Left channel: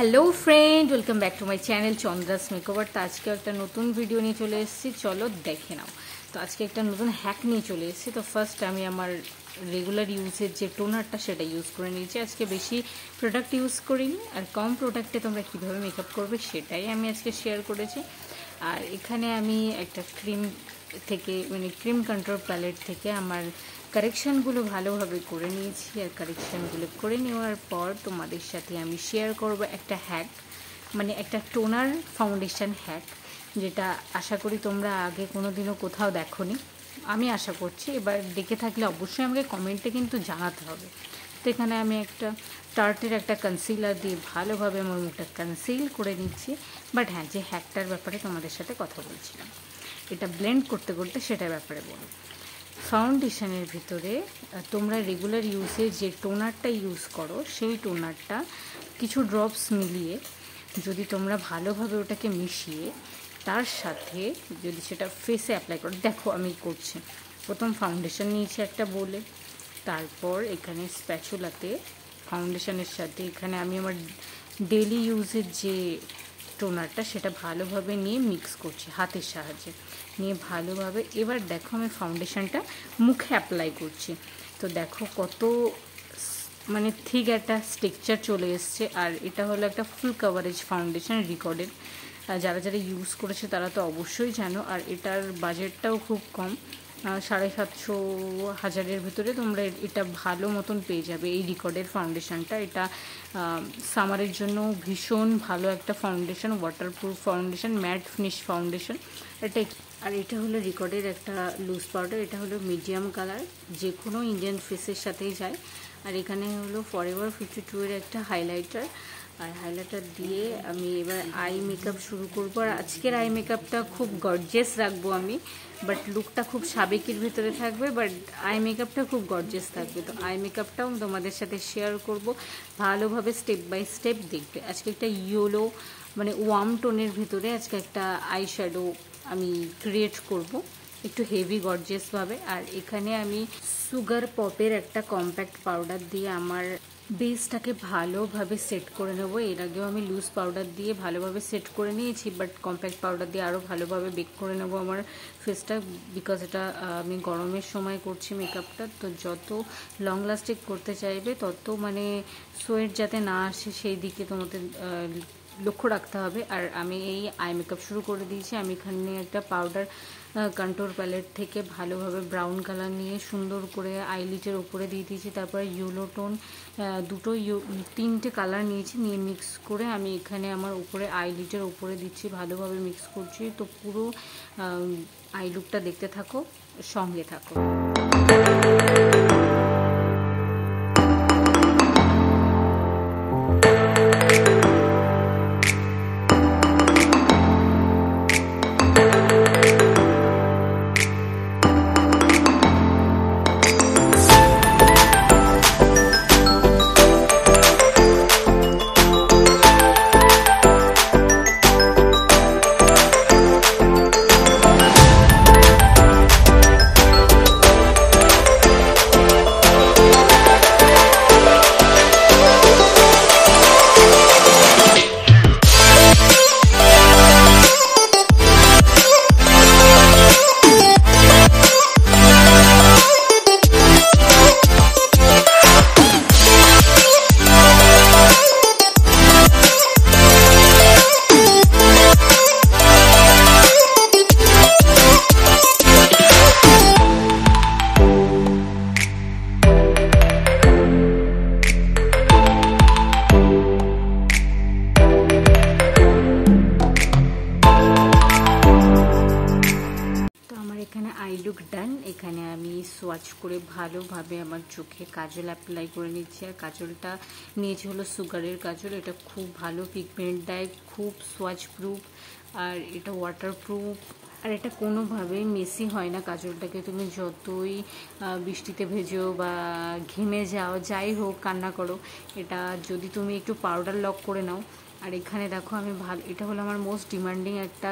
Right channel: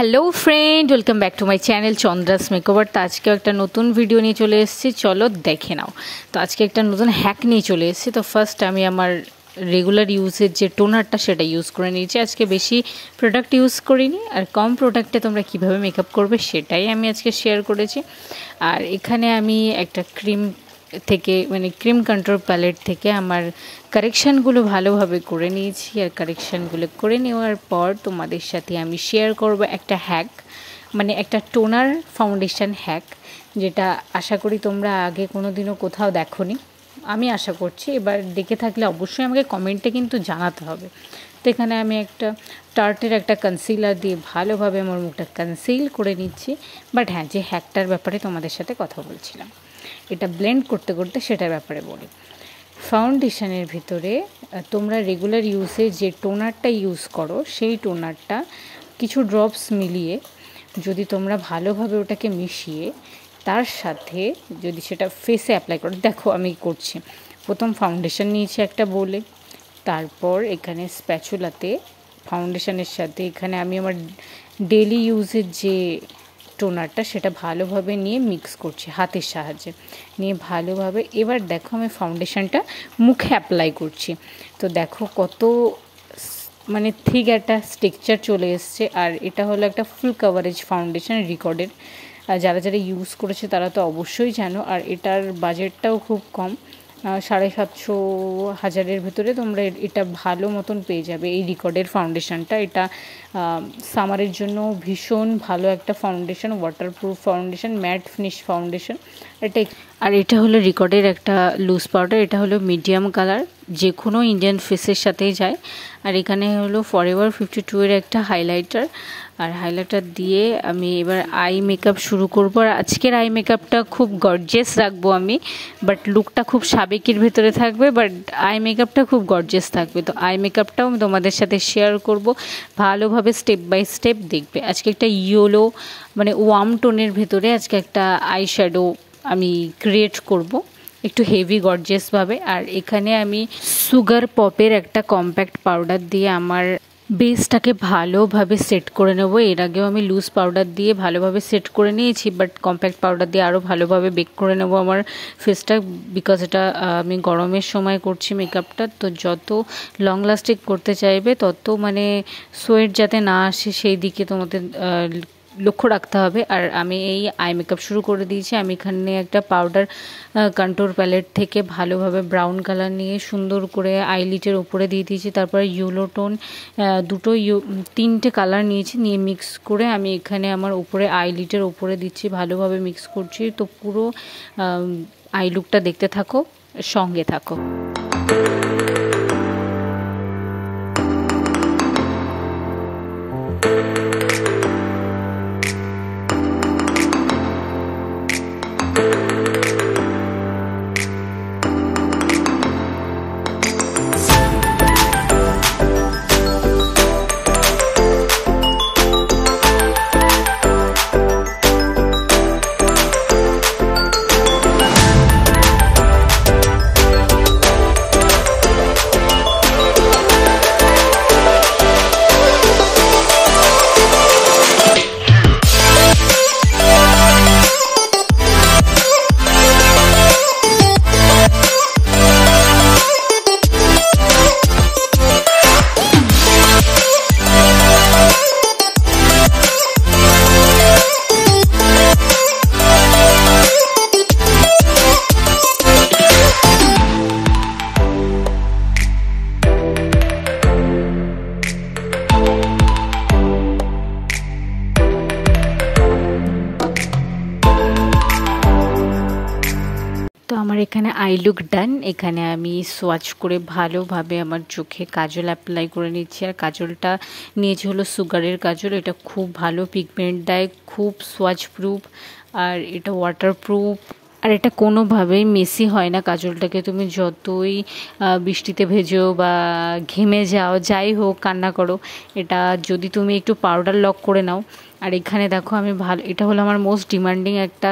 Hello friend, welcome back to my channel Chandra's makeover. তো আজকে একটা নতুন ভিডিও নিয়ে চলে এসেছি, চলো দেখে নাও। তো আজকে একটা নতুন হ্যাক নিয়ে চলে এসেছি। তো ফার্স্ট আমি আমার রেগুলার ইউজের যে টোনারটা সেটা ইউজ করে নিয়েছি। আজকে বেশি প্রোডাক্ট ইউজ করিনি, আর কম প্রোডাক্টে তোমরা কীভাবে মেকআপ করবে সেটাই আমি আজকে শেয়ার করেছি। আর এখানে আমি একটা ক্রিম থেকে ক্রিম কন্ট্রোল প্যালেট থেকে আমার কারেকশানগুলো ভালোভাবে করে নিয়েছি। আর কারেকশানগুলো করে নেওয়ার পর তোমাদের সাথে আমি শেয়ার করব একটা হ্যাক, একটা টোনার ফাউন্ডেশন হ্যাক, যেটা আশা করি তোমরা আগে কোনো দিনও কোথাও দেখোনি। আমি আশা করছি, এবার দেখে থাকলে অবশ্যই আমাকে কমেন্টে কিন্তু জানাতে হবে। তো এখানে আমি একটা টার্টের একটা কনসিলার দিয়ে ভালোভাবে আমার মুখটা কনসিল করে নিচ্ছি। বাট হ্যাঁ, যে হ্যাকটার ব্যাপারে তোমাদের সাথে কথা বলছিলাম, এটা ব্লেন্ড করতে করতে সেটার ব্যাপারে বলি। ফাউন্ডেশনের ভিতরে তোমরা রেগুলার ইউজে যে টোনারটা ইউজ করো সেই টোনারটা কিছু ড্রপস মিলিয়ে যদি তোমরা ভালোভাবে ওটাকে মিশিয়ে তার সাথে যদি সেটা ফেসে অ্যাপ্লাই করো, দেখো আমি করছি। প্রথম ফাউন্ডেশন নিয়েছি একটা বোলে, তারপর এখানে স্প্যাচুলাতে ফাউন্ডেশনের সাথে এখানে আমি আমার ডেলি ইউজের যে টোনারটা সেটা ভালোভাবে নিয়ে মিক্স করছি হাতের সাহায্যে, নিয়ে ভালোভাবে এবার দেখো আমি ফাউন্ডেশনটা মুখে অ্যাপ্লাই করছি। তো দেখো কত ঠিক একটা স্ট্রাকচার চলে এসছে। আর এটা হলো একটা ফুল কাভারেজ ফাউন্ডেশন রিকর্ডের। যারা যারা ইউজ করেছে তারা তো অবশ্যই জানো। আর এটার বাজেটটাও খুব কম, 750-1000-এর ভিতরে তোমরা এটা ভালো মতন পেয়ে যাবে। এই রিকর্ডের ফাউন্ডেশনটা এটা সামারের জন্য ভীষণ ভালো একটা foundation, waterproof foundation, mat finish foundation এটা। আর এটা হলো রিকর্ডের একটা লুজ পাউডার, এটা হলো মিডিয়াম কালার, যে কোনো ইন্ডিয়ান ফেসের সাথেই যায়। আর এখানে হলো ফরএভার 52-এর একটা হাইলাইটার। আর হাইলাইটার দিয়ে আমি এবার আই মেকআপ শুরু করব। আর আজকের আই মেকআপটা খুব গর্জিয়াস রাখবো আমি, বাট লুকটা খুব সাবেকির ভেতরে থাকবে, বাট আই মেকআপটা খুব গর্জিয়াস থাকবে। তো আই মেকআপটাও আমি তোমাদের সাথে শেয়ার করব, ভালোভাবে স্টেপ বাই স্টেপ দেখবে। আজকে একটা ইয়েলো ওয়ার্ম টোনের ভেতরে আজকে একটা আই শ্যাডো আমি ক্রিয়েট করব, একটু হেভি গর্জিয়াসভাবে। আর এখানে আমি সুগার পপের একটা কম্প্যাক্ট পাউডার দিয়ে আমার বেসটাকে ভালোভাবে সেট করে নেব। এর আগেও আমি লুজ পাউডার দিয়ে ভালোভাবে সেট করে নিয়েছি, বাট কম্প্যাক্ট পাউডার দিয়ে আরও ভালোভাবে বেক করে নেব আমার ফেসটা, বিকজ এটা আমি গরমের সময় করছি মেকআপটা। তো যত লং লাস্টিং করতে চাইবে তত সোয়েট যাতে না আসে সেই দিকে তোমাদের লক্ষ্য রাখতে হবে। আর আমি এই আই মেকআপ শুরু করে দিয়েছি। আমি এখানে একটা পাউডার কন্ট্রোল প্যালেট থেকে ভালোভাবে ব্রাউন কালার নিয়ে সুন্দর করে আইলিটের উপরে দিয়ে দিয়েছি। তারপরে ইয়েলো টোন তিনটে কালার নিয়েছি, নিয়ে মিক্স করে আমি এখানে আমার উপরে আইলিটের উপরে দিচ্ছি, ভালোভাবে মিক্স করছি। তো পুরো আই লুকটা দেখতে থাকো, সঙ্গে থাকো। তো আমার এখানে আই লুক ডান। এখানে আমি সোয়াচ করে ভালোভাবে আমার চোখে কাজল অ্যাপ্লাই করে নিচ্ছি। আর কাজলটা নিয়েছি হলো সুগারের কাজল, এটা খুব ভালো পিগমেন্ট দেয়, খুব সোয়াচ প্রুফ, আর এটা ওয়াটারপ্রুফ, আর এটা কোনোভাবেই মেসি হয় না। কাজলটাকে তুমি যতই বৃষ্টিতে ভেজো বা ঘেমে যাও, যাই হোক, কান্না করো, এটা যদি তুমি একটু পাউডার লক করে নাও। আর এখানে দেখো আমি এটা হলো আমার মোস্ট ডিমান্ডিং একটা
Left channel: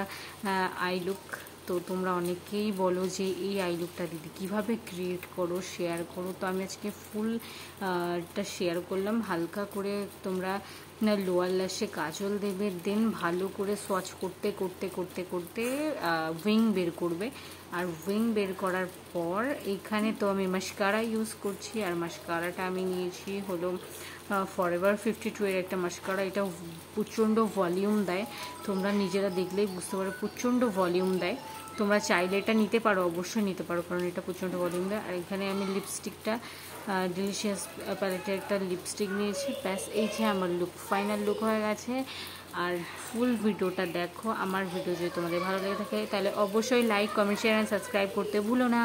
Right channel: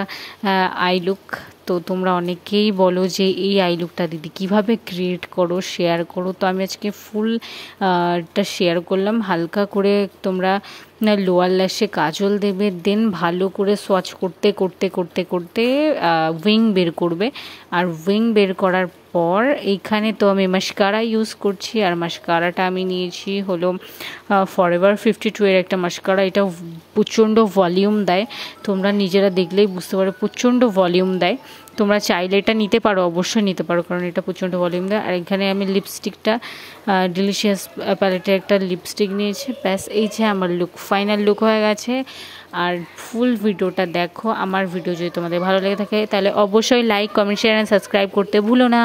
আই লুক। তো তোমরা অনেকেই বলো যে এই আই লুকটা দিদি কীভাবে ক্রিয়েট করো, শেয়ার করো। তো আমি আজকে ফুলটা শেয়ার করলাম। হালকা করে তোমরা লোয়ার ল্যাশে কাজল দেবে, দেন ভালো করে সোয়াচ করতে করতে করতে করতে উইং বের করবে। আর উইং বের করার পর এইখানে তো আমি মাস্কারা ইউজ করছি, আর মাস্কারাটা আমি নিয়েছি হলো ফরএভার 52 এর একটা মাস্কারা। এটা প্রচণ্ড ভলিউম দেয়, তোমরা নিজেরা দেখলেই বুঝতে পারো প্রচণ্ড ভলিউম দেয়। তোমরা চাইলে এটা নিতে পারো, অবশ্যই নিতে পারো, কারণ এটা প্রচণ্ড ভলিউম দেয়। আর এখানে আমি লিপস্টিকটা ডিলিশিয়াস প্যালেটের একটা লিপস্টিক নিয়েছি। ব্যাস এই যে আমার লুক, ফাইনাল লুক হয়ে গেছে। আর ফুল ভিডিওটা দেখো। আমার ভিডিও যদি তোমাদের ভালো লেগে থাকে তাহলে অবশ্যই like, comment, share and subscribe করতে ভুলো না।